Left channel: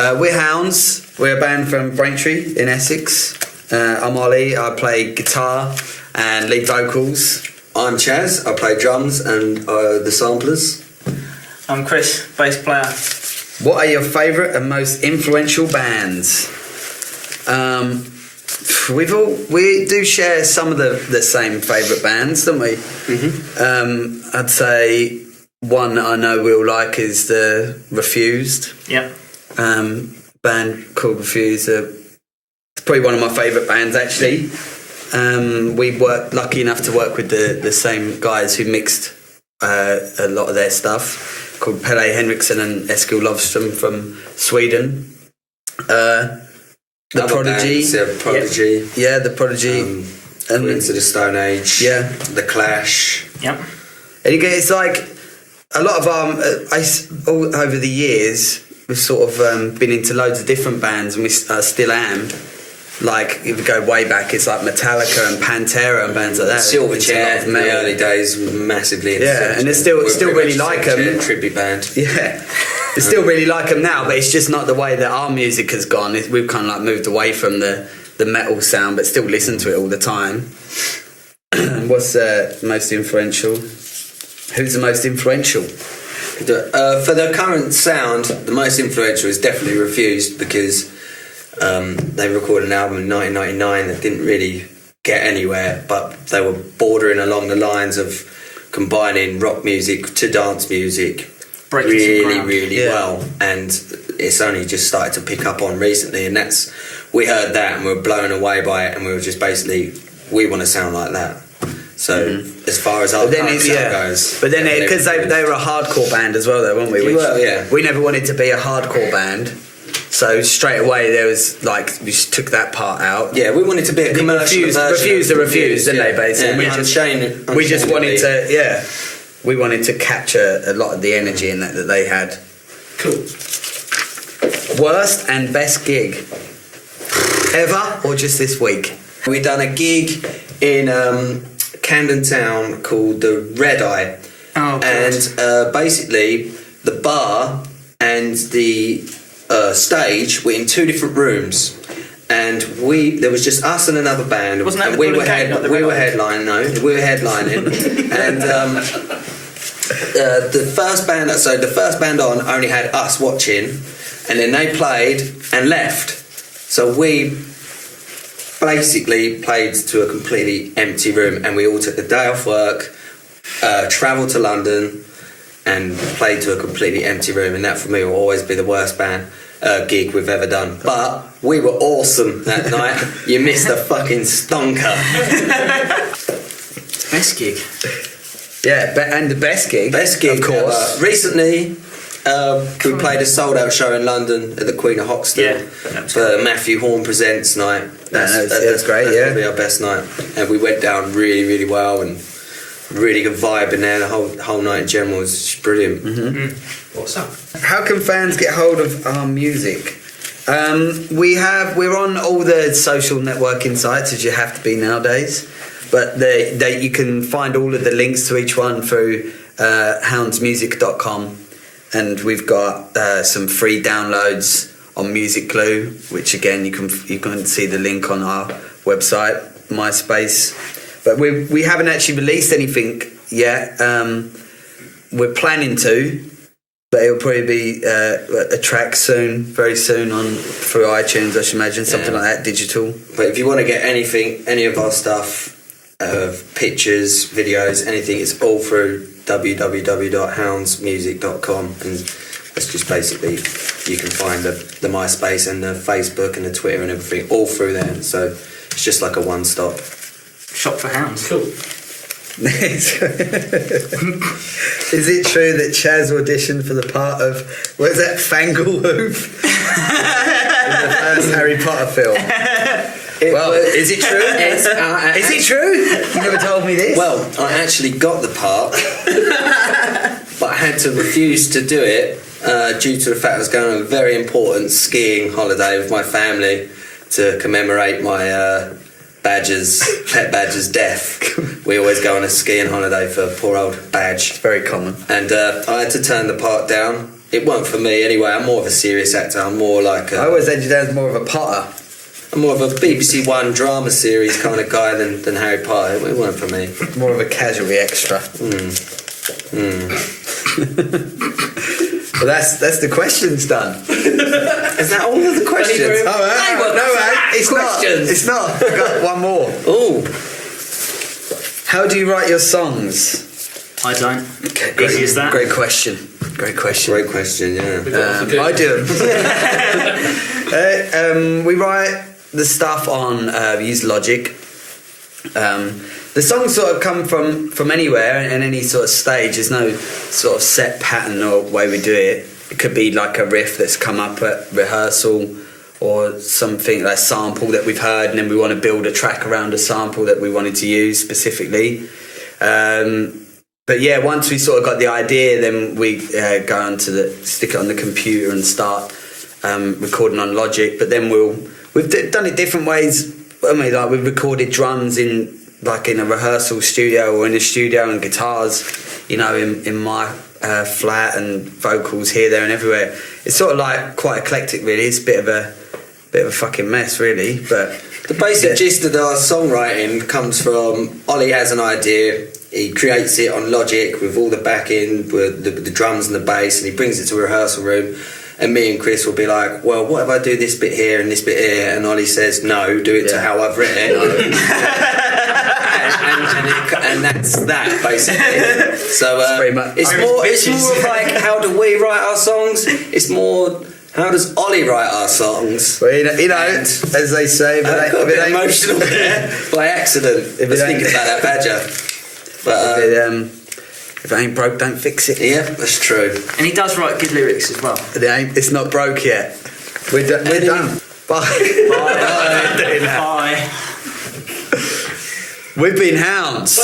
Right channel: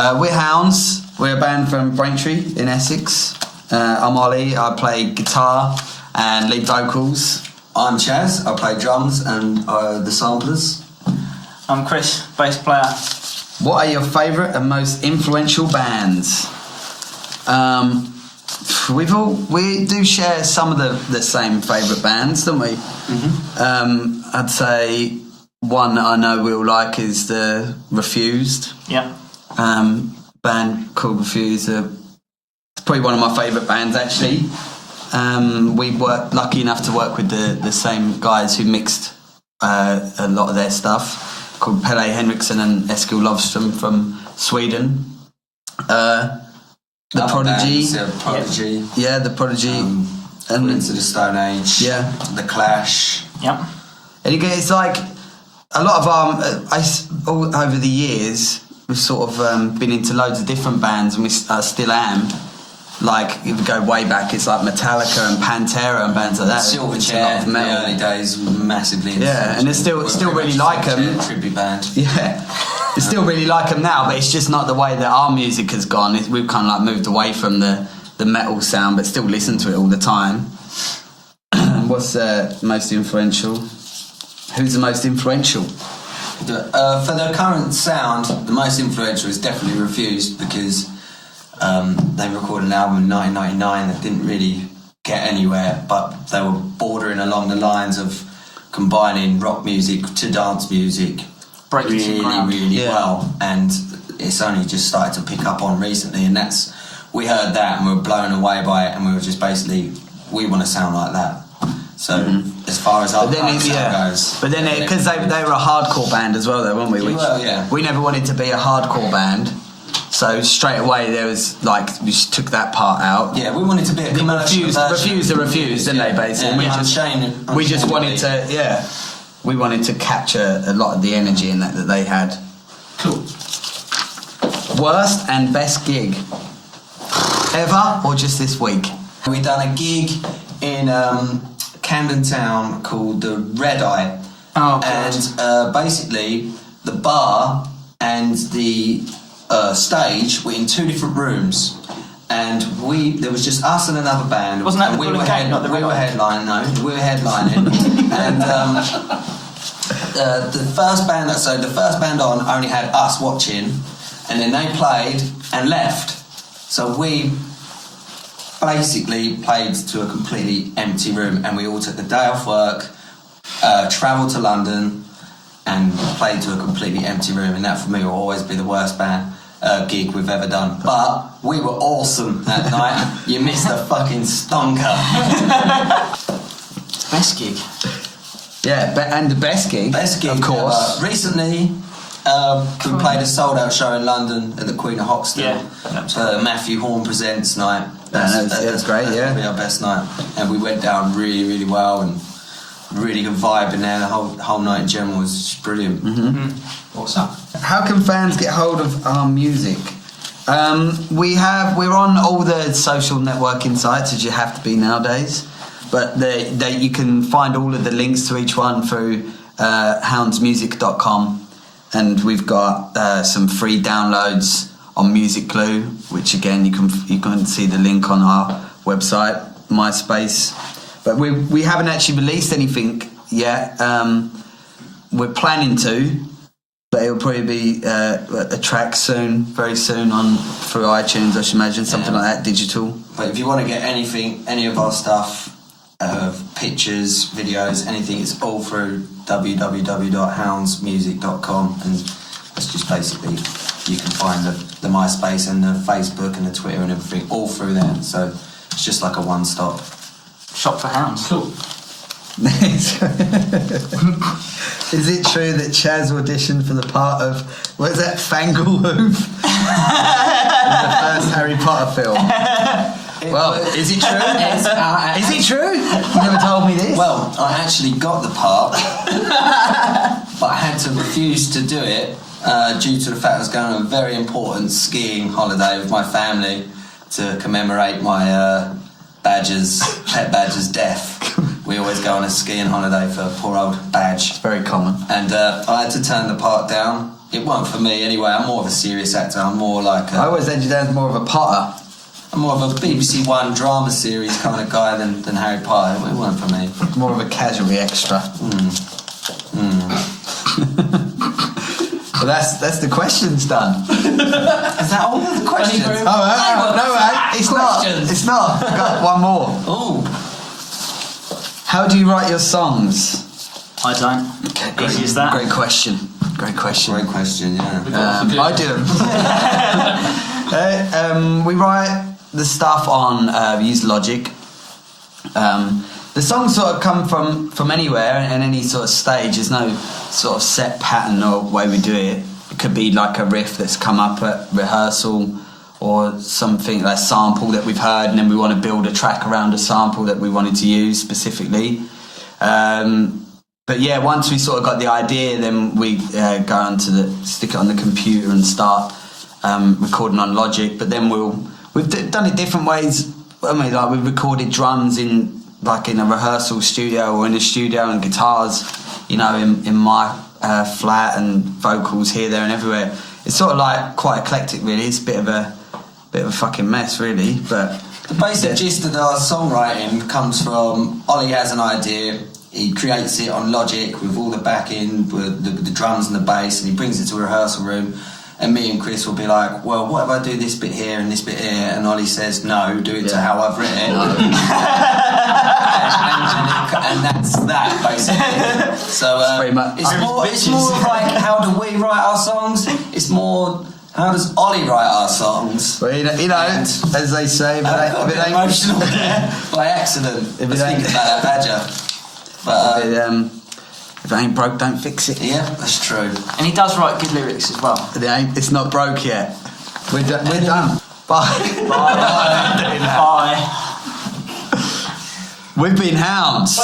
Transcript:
We're Hounds. We're a band from Braintree in Essex. I'm Ollie. I play guitar and lead vocals. I'm Chaz. I play drums and the samplers. I'm Chris, bass player. What are your favourite and most influential bands? We do share some of the same favourite bands, don't we? Mm-hmm. I'd say one that I know we'll like is the Refused. Yeah. Band called Refused. It's probably one of my favourite bands actually. We were lucky enough to work with the same guys who mixed a lot of their stuff, called Pelle Henriksson and Eskil Lovström from Sweden. The Prodigy. Prodigy. Yeah, the Prodigy. And Into the Stone Age. Yeah. The Clash. Yep. And it's like a lot of all over the years, we've sort of been into loads of different bands, and we still am. Like, if you go way back, it's like Metallica and Pantera and bands like that. Silverchair in the early days were massively into yeah, and it's still really like them. Tribute band. Yeah, I still really like them now, but it's just not the way that our music has gone. We've kind of like moved away from the metal sound, but still listen to it all the time. What's most influential? Who's the most influential? For the current sound, the most influential is definitely Refused, because they recorded an album in 1999 that didn't really get anywhere, but they were bordering along the lines of combining rock music to dance music really well, and it's only just started to pick up on recently, and we heard that and we were blown away by it, and we were just basically, we want to sound like that. So as far as our sound goes, but then because they were a hardcore band as well, though, weren't we? We never wanted to be a hardcore band. So straight away there was like, we just took that part out. Yeah, we wanted to be a commercial Refused, didn't they, basically? Yeah. We just wanted to, we wanted to capture a lot of the energy in that they had. Cool. Worst and best gig ever, or just this week? We done a gig in Camden Town called the Red Eye. Oh, God. And basically the bar and the stage were in two different rooms, and there was just us and another band. Wasn't that we were headlining, and the first band on only had us watching, and then they played and left. So we basically played to a completely empty room, and we all took a day off work, travelled to London, and played to a completely empty room, and that for me will always be the worst gig we've ever done. But we were awesome that night. You missed a fucking stonker. Best gig. Yeah, and the best gig, of course. Recently, we played a sold-out show in London at the Queen of Hoxton for Matthew Horn Presents night. That's great. That's probably our best night, and we went down really, really well, and really good vibe in there. The whole night in general was just brilliant. Mm-hmm. Awesome. How can fans get hold of our music? We're on all the social networking sites, as you have to be nowadays. But you can find all of the links to each one through houndsmusic.com, and we've got some free downloads on Music Glue, which again you can see the link on our website, MySpace. But we haven't actually released anything yet. We're planning to, but it'll probably be a track very soon through iTunes, I should imagine, something like that, digital. But if you want to get any of our stuff, pictures, videos, anything, it's all through www.houndsmusic.com, and it's just basically, you can find the MySpace and the Facebook and the Twitter and everything all through there. So it's just like a one-stop shop for hounds. Cool. Is it true that Chaz auditioned for the part of, what is that, Fanglehoof? in the first Harry Potter film? Is it true? Is it true? You never told me this. Well, I actually got the part, but I had to refuse to do it due to the fact I was going on a very important skiing holiday with my family to commemorate my pet badger's death, we always go on a skiing holiday for poor old Badge. Very common. And I had to turn the part down. It wasn't for me anyway. I'm more of a serious actor. I'm more like I always had you down as more of a Potter. I'm more of a BBC One drama series kind of guy than Harry Potter. It wasn't for me. More of a casualty extra. Well, that's the questions done. Is that all of the questions? Thank you very Oh, no, it's questions. not. It's not. I've got one more. Ooh. How do you write your songs? I don't. Okay, Easy as that. Great question. Great question. Great question, yeah. I do. We write the stuff on. We use Logic. The songs sort of come from anywhere and any sort of stage. There's no sort of set pattern or way we do it. It could be like a riff that's come up at rehearsal, or something like a sample that we've heard, and then we want to build a track around a sample that we wanted to use specifically. But yeah, once we sort of got the idea, then we go on to stick it on the computer and start recording on Logic. But then we've done it different ways. I mean, like we've recorded drums in a rehearsal studio or in a studio, and guitars, in my flat, and vocals here, there, and everywhere. It's sort of like quite eclectic, really. It's a bit of a fucking mess, really. But the basic gist of our songwriting comes from Ollie has an idea. He creates it on Logic with all the backing, with the drums and the bass, and he brings it to a rehearsal room. And me and Chris will be like, well, what if I do this bit here and this bit here? And Ollie says, no, do it to how I've written it. and that's that, basically. So it's more of like, how do we write our songs? It's more, how does Ollie write our songs? Well, as they say, I got a bit emotional there by accident. I was thinking about that Badger. But if it ain't broke, don't fix it. yeah, that's true. And he does write good lyrics as well. It's not broke yet. We're done. Bye. Bye. We've been Hounds.